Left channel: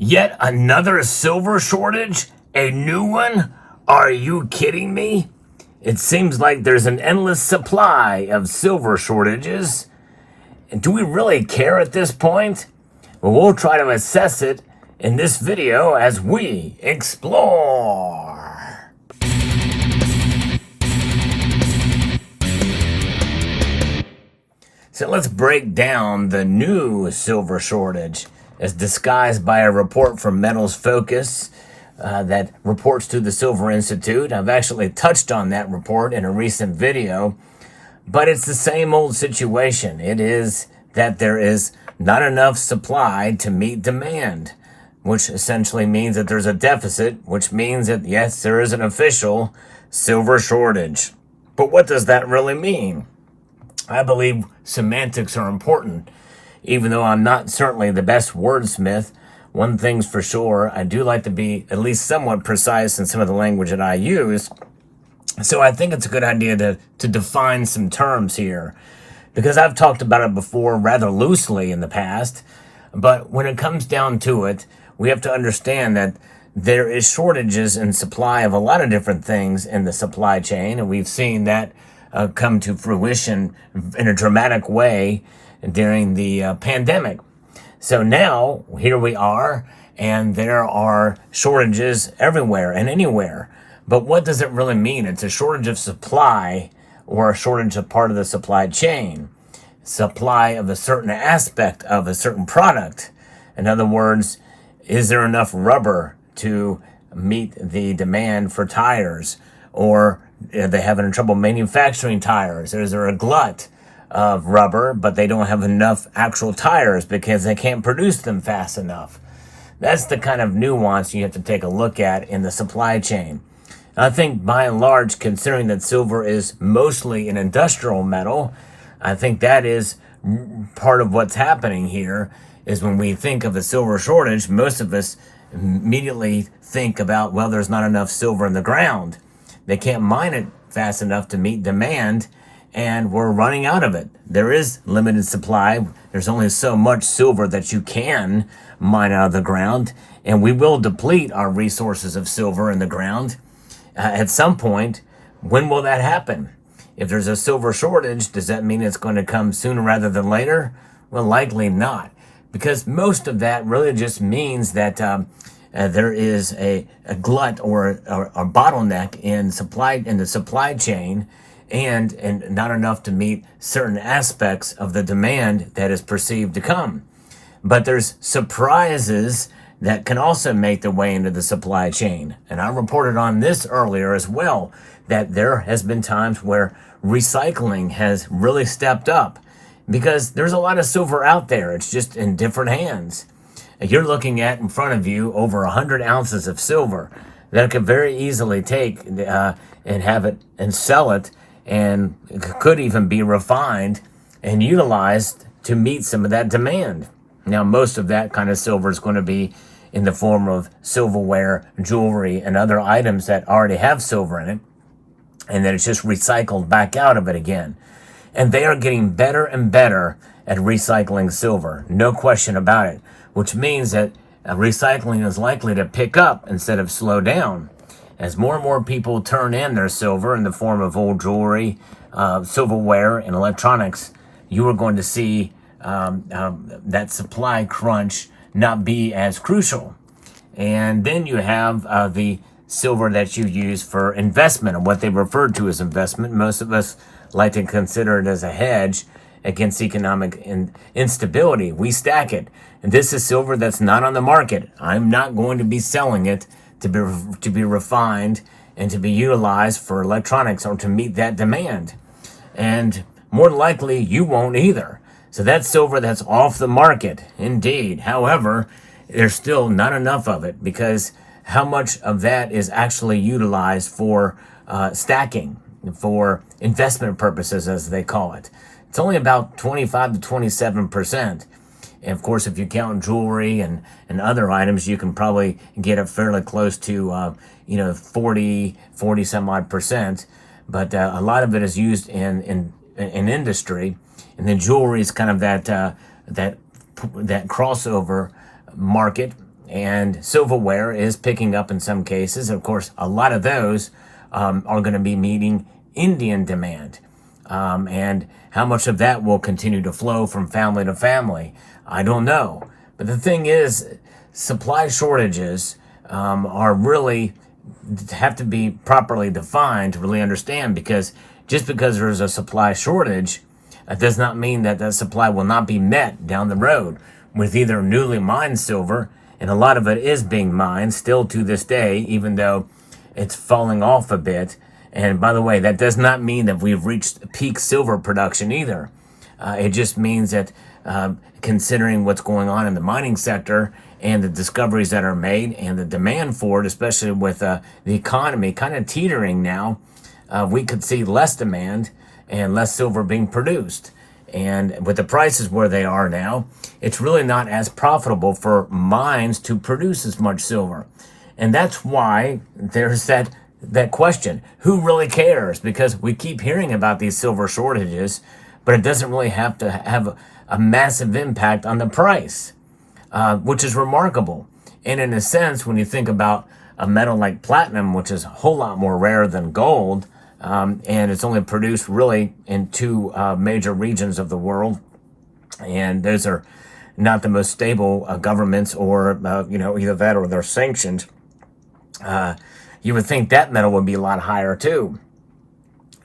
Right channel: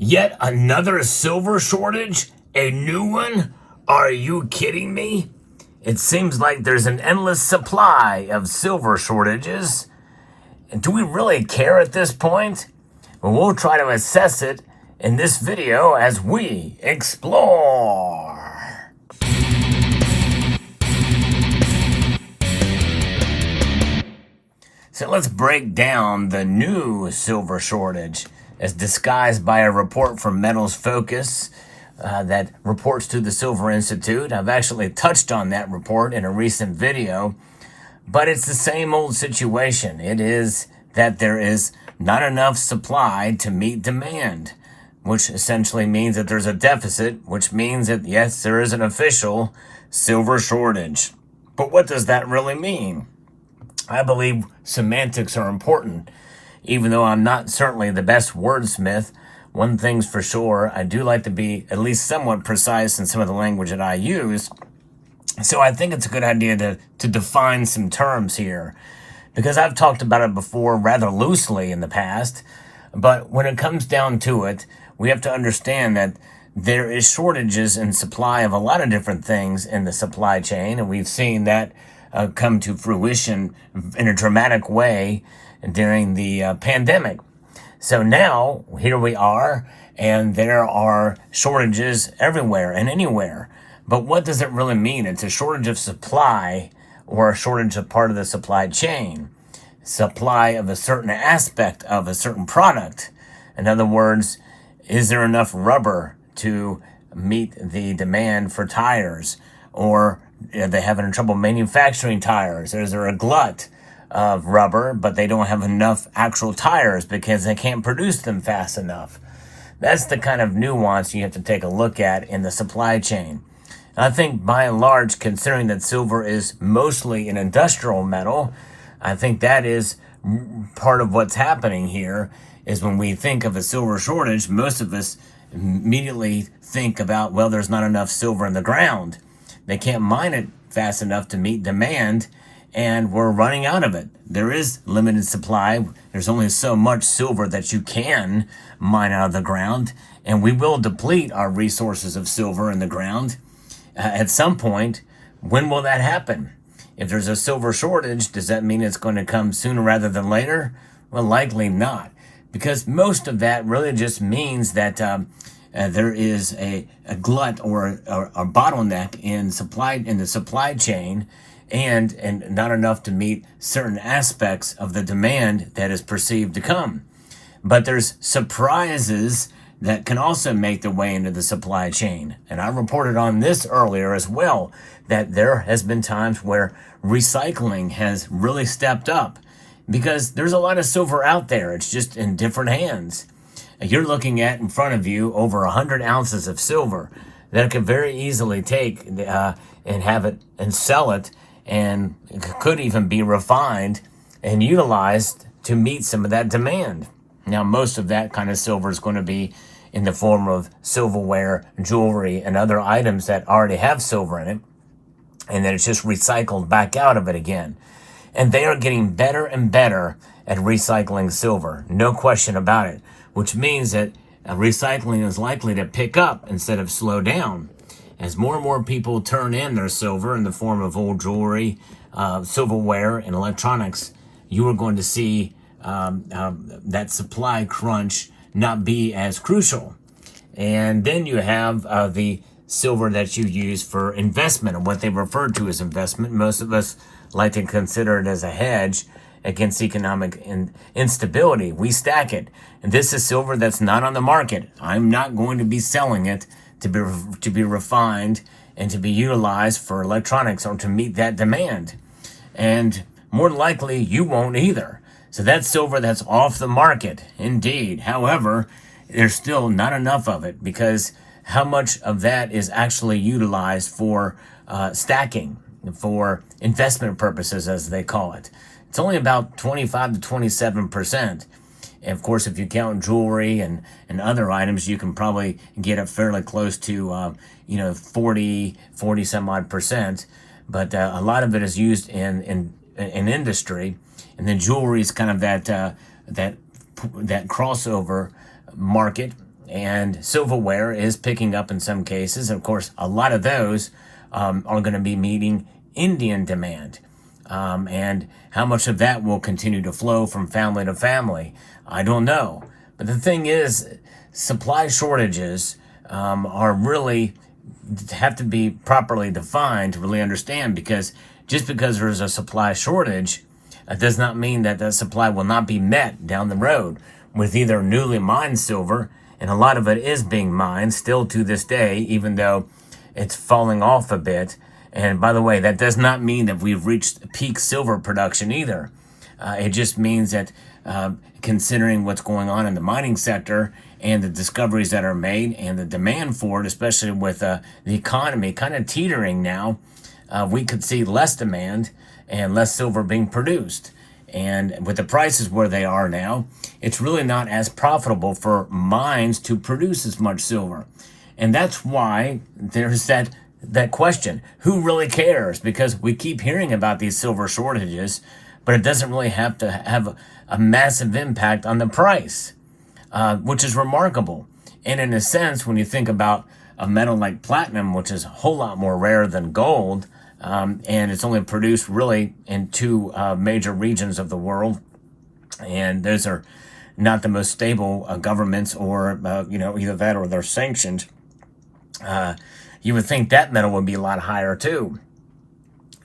Yet another silver shortage? A new one? Are you kidding me? It seems like there's an endless supply of silver shortages. Do we really care at this point? Well, we'll try to assess it in this video as we explore. So let's break down the new silver shortage as disguised by a report from Metals Focus that reports to the Silver Institute. I've actually touched on that report in a recent video, but it's the same old situation. It is that there is not enough supply to meet demand, which essentially means that there's a deficit, which means that, yes, there is an official silver shortage. But what does that really mean? I believe semantics are important. Even though I'm not certainly the best wordsmith, one thing's for sure, I do like to be at least somewhat precise in some of the language that I use. So I think it's a good idea to define some terms here, because I've talked about it before rather loosely in the past. But when it comes down to it, we have to understand that there is shortages in supply of a lot of different things in the supply chain, and we've seen that come to fruition in a dramatic way during the pandemic. So now, here we are, and there are shortages everywhere and anywhere. But what does it really mean? It's a shortage of supply or a shortage of part of the supply chain. Supply of a certain aspect of a certain product. In other words, is there enough rubber to meet the demand for tires? Or are they having trouble manufacturing tires? Is there a glut of rubber, but they don't have enough actual tires because they can't produce them fast enough? That's the kind of nuance you have to take a look at in the supply chain. And I think by and large, considering that silver is mostly an industrial metal, I think that is part of what's happening here. Is when we think of a silver shortage, most of us immediately think about, well, there's not enough silver in the ground. They can't mine it fast enough to meet demand, and we're running out of it. There is limited supply. There's only so much silver that you can mine out of the ground, and we will deplete our resources of silver in the ground at some point. When will that happen? If there's a silver shortage, does that mean it's going to come sooner rather than later? Well, likely not, because most of that really just means that there is a glut or a bottleneck in the supply chain, and not enough to meet certain aspects of the demand that is perceived to come. But there's surprises that can also make their way into the supply chain. And I reported on this earlier as well, that there has been times where recycling has really stepped up, because there's a lot of silver out there. It's just in different hands. You're looking at in front of you over 100 ounces of silver that could very easily take and have it and sell it, and it could even be refined and utilized to meet some of that demand. Now, most of that kind of silver is going to be in the form of silverware, jewelry, and other items that already have silver in it, and then it's just recycled back out of it again. And they are getting better and better at recycling silver, no question about it, which means that recycling is likely to pick up instead of slow down. As more and more people turn in their silver in the form of old jewelry, silverware, and electronics, you are going to see that supply crunch not be as crucial. And then you have the silver that you use for investment, or what they refer to as investment. Most of us like to consider it as a hedge against economic instability. We stack it. And this is silver that's not on the market. I'm not going to be selling it to be refined and to be utilized for electronics or to meet that demand. And more than likely, you won't either. So that's silver that's off the market, indeed. However, there's still not enough of it, because how much of that is actually utilized for stacking, for investment purposes, as they call it? It's only about 25 to 27%. And of course, if you count jewelry and other items, you can probably get it fairly close to 40 some odd percent. But a lot of it is used in industry, and then jewelry is kind of that crossover market and silverware is picking up in some cases. Of course, a lot of those are going to be meeting Indian demand. And how much of that will continue to flow from family to family, I don't know. But the thing is, supply shortages are really have to be properly defined to really understand, because just because there's a supply shortage, it does not mean that that supply will not be met down the road with either newly mined silver, and a lot of it is being mined still to this day, even though it's falling off a bit. And by the way, that does not mean that we've reached peak silver production either. It just means that considering what's going on in the mining sector and the discoveries that are made and the demand for it, especially with the economy kind of teetering now, we could see less demand and less silver being produced. And with the prices where they are now, it's really not as profitable for mines to produce as much silver. And that's why there's that question, who really cares? Because we keep hearing about these silver shortages, but it doesn't really have to have a massive impact on the price, which is remarkable. And in a sense, when you think about a metal like platinum, which is a whole lot more rare than gold, and it's only produced really in two major regions of the world, and those are not the most stable governments, or either that or they're sanctioned. You would think that metal would be a lot higher too,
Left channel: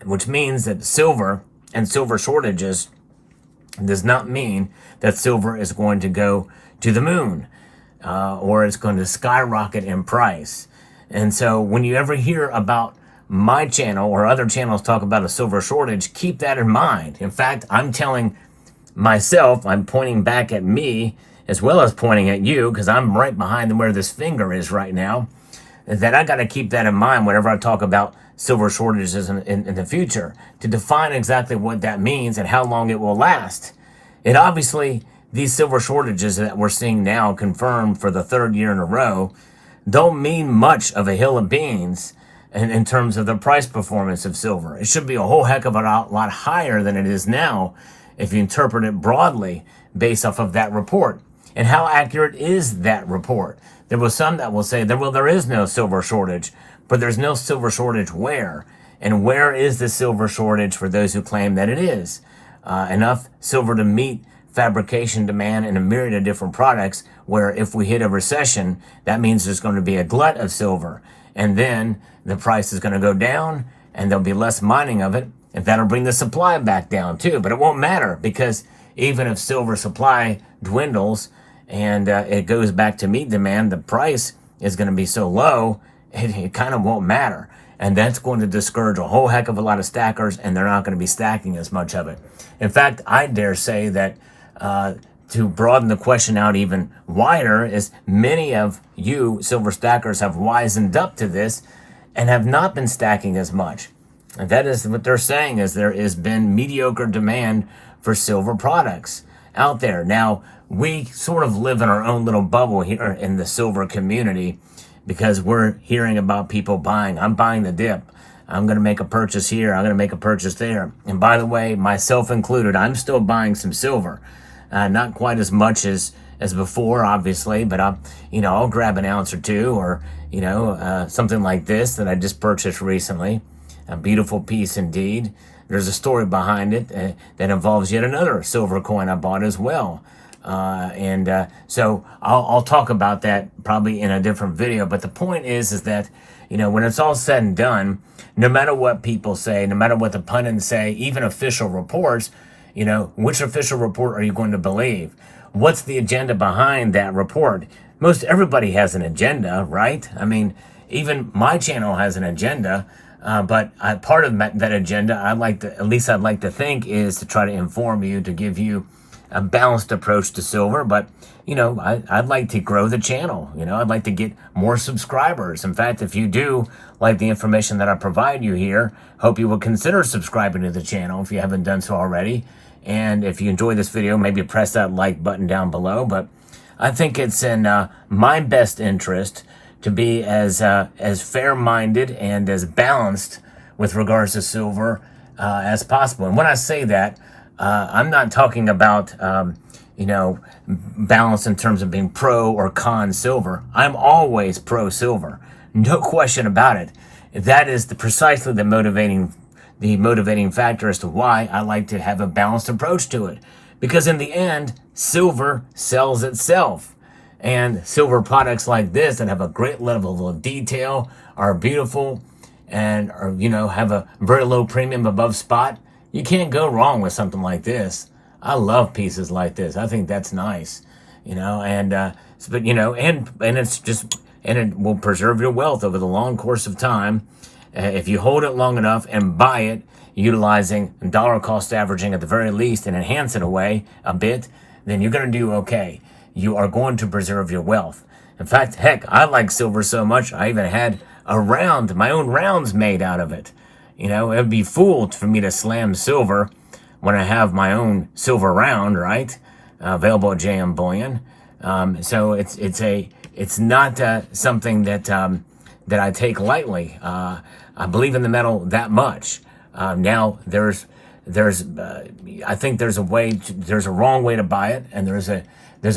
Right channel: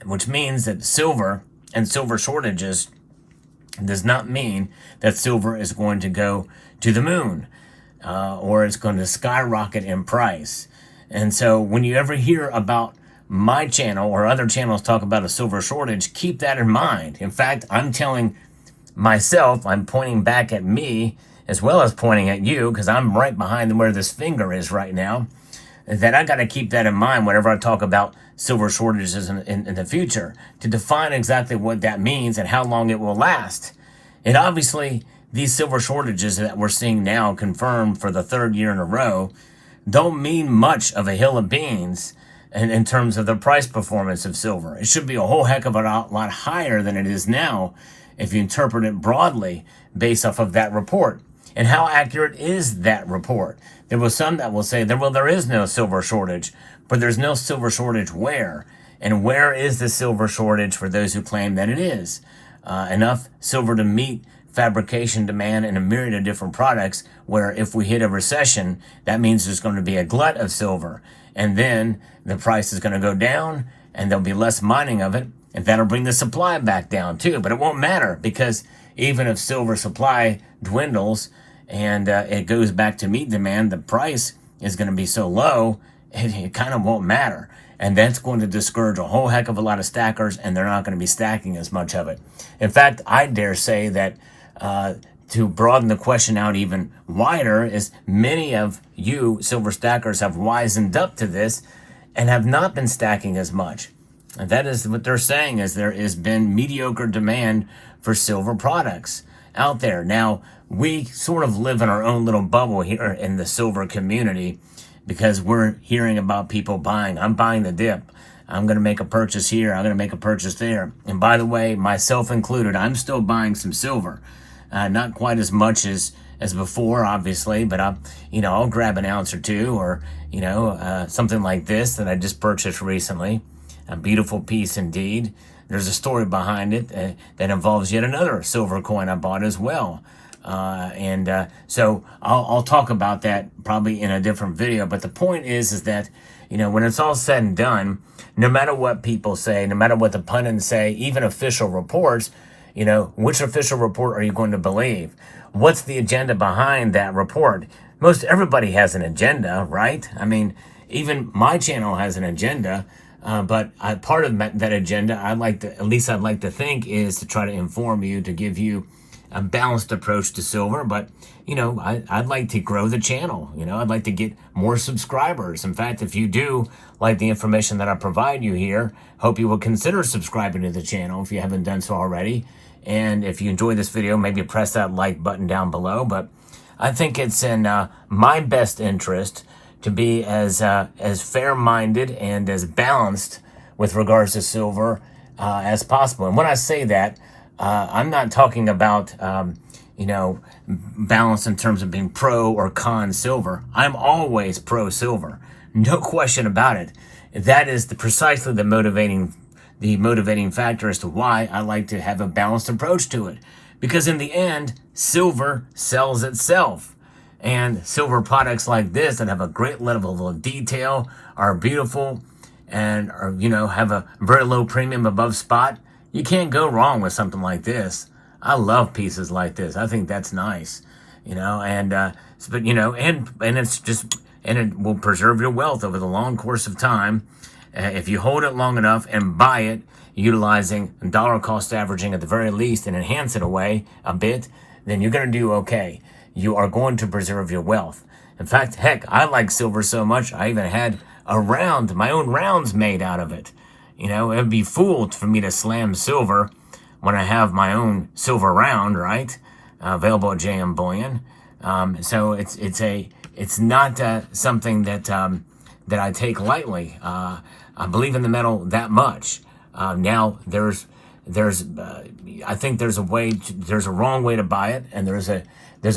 which means that silver and silver shortages does not mean that silver is going to go to the moon or it's going to skyrocket in price. And so when you ever hear about my channel or other channels talk about a silver shortage, keep that in mind. In fact, I'm telling myself, I'm pointing back at me as well as pointing at you, because I'm right behind where this finger is right now, that I got to keep that in mind whenever I talk about silver shortages in the future, to define exactly what that means and how long it will last. And obviously, these silver shortages that we're seeing now, confirmed for the third year in a row, don't mean much of a hill of beans in terms of the price performance of silver. It should be a whole heck of a lot higher than it is now if you interpret it broadly based off of that report. And how accurate is that report? There was some that will say, there is no silver shortage, but there's no silver shortage where? And where is the silver shortage for those who claim that it is? Enough silver to meet fabrication demand in a myriad of different products, where if we hit a recession, that means there's going to be a glut of silver. And then the price is going to go down and there'll be less mining of it. And that'll bring the supply back down too. But it won't matter, because even if silver supply dwindles and it goes back to meet demand, the price is going to be so low, it kind of won't matter. And that's going to discourage a whole heck of a lot of stackers, and they're not going to be stacking as much of it. In fact, I dare say that to broaden the question out even wider, is many of you silver stackers have wisened up to this and have not been stacking as much. And that is what they're saying, is there has been mediocre demand for silver products out there. Now, we sort of live in our own little bubble here in the silver community, because we're hearing about people buying. I'm buying the dip. I'm going to make a purchase here. I'm going to make a purchase there. And by the way, myself included, I'm still buying some silver. Not quite as much as before, obviously, but I'll grab an ounce or two, or something like this that I just purchased recently. A beautiful piece indeed. There's a story behind it that involves yet another silver coin I bought as well. So I'll talk about that probably in a different video. But the point is that, when it's all said and done, no matter what people say, no matter what the pundits say, even official reports, which official report are you going to believe? What's the agenda behind that report? Most everybody has an agenda, right? I mean, even my channel has an agenda. But part of that agenda, I'd like to think, is to try to inform you, to give you a balanced approach to silver. But, I'd like to grow the channel. I'd like to get more subscribers. In fact, if you do like the information that I provide you here, hope you would consider subscribing to the channel if you haven't done so already. And if you enjoy this video, maybe press that like button down below. But I think it's in my best interest to be as fair-minded and as balanced with regards to silver as possible. And when I say that, I'm not talking about balance in terms of being pro or con silver. I'm always pro silver. No question about it. That is precisely the motivating factor as to why I like to have a balanced approach to it. Because in the end, silver sells itself. And silver products like this that have a great level of detail, are beautiful, and have a very low premium above spot, you can't go wrong with something like this. I love pieces like this. I think that's nice, and it will preserve your wealth over the long course of time. If you hold it long enough and buy it, utilizing dollar cost averaging at the very least and enhance it away a bit, then you're going to do okay. You are going to preserve your wealth. In fact, heck, I like silver so much, I even had my own rounds made out of it. It would be fool for me to slam silver when I have my own silver round, right? Available at JM Bullion. So it's not something that I take lightly. I believe in the metal that much. Now I think there's a wrong way to buy it, and there's a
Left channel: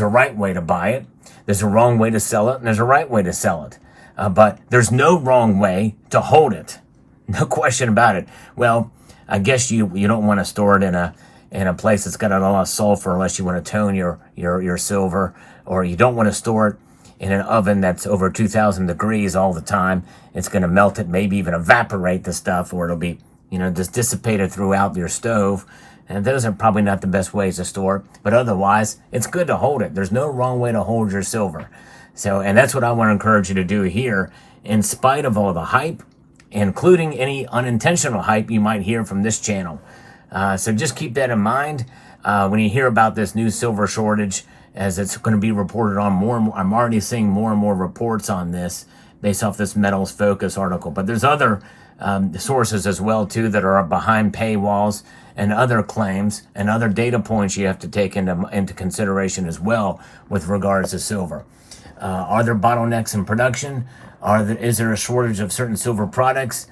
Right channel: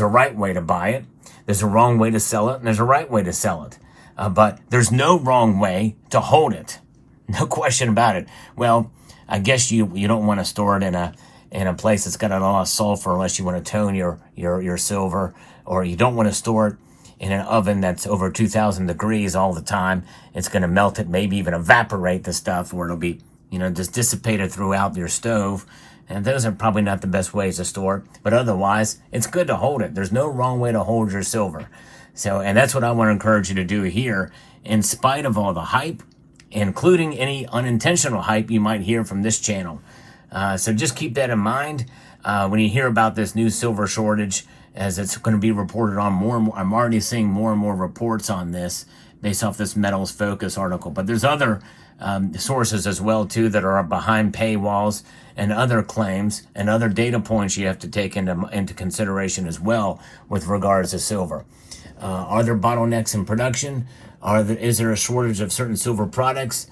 right way to buy it. There's a wrong way to sell it, and there's a right way to sell it. But there's no wrong way to hold it. No question about it. Well, I guess you don't want to store it in a place that's got a lot of sulfur unless you want to tone your silver, or you don't want to store it in an oven that's over 2,000 degrees all the time. It's going to melt it, maybe even evaporate the stuff, or it'll be just dissipated throughout your stove. And those are probably not the best ways to store it. But otherwise, it's good to hold it. There's no wrong way to hold your silver. And that's what I want to encourage you to do here, in spite of all the hype, including any unintentional hype you might hear from this channel. So just keep that in mind when you hear about this new silver shortage, as it's going to be reported on more and more. I'm already seeing more and more reports on this based off this Metals Focus article. But there's other sources as well, too, that are behind paywalls, and other claims and other data points you have to take into consideration as well with regards to silver. Are there bottlenecks in production? Is there a shortage of certain silver products?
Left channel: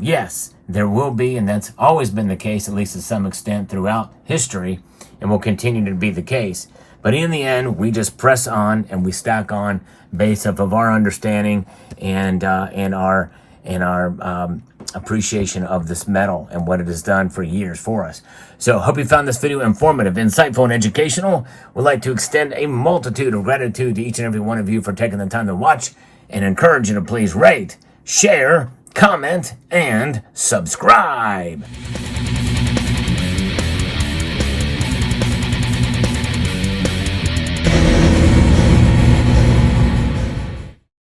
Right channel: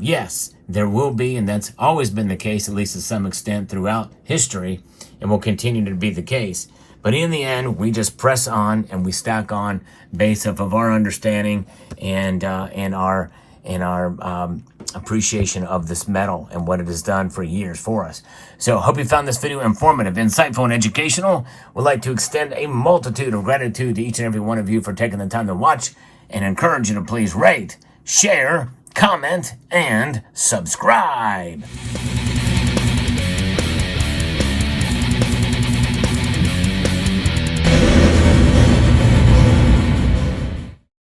Yes, there will be, and that's always been the case, at least to some extent throughout history, and will continue to be the case. But in the end, we just press on and we stack on based off of our understanding and our appreciation of this metal and what it has done for years for us. So hope you found this video informative, insightful, and educational. We'd like to extend a multitude of gratitude to each and every one of you for taking the time to watch, and encourage you to please rate, share, comment, and subscribe.